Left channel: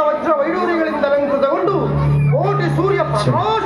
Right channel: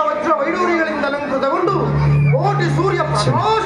ವಜ್ರ ವೈಡೂರಿಗಳಿಂದ ಅಲಂಕೃತಗೊಂಡು ಕೋಟಿ ಸೂರ್ಯ ಪ್ರಕಾಶ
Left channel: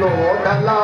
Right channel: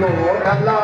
లోకలా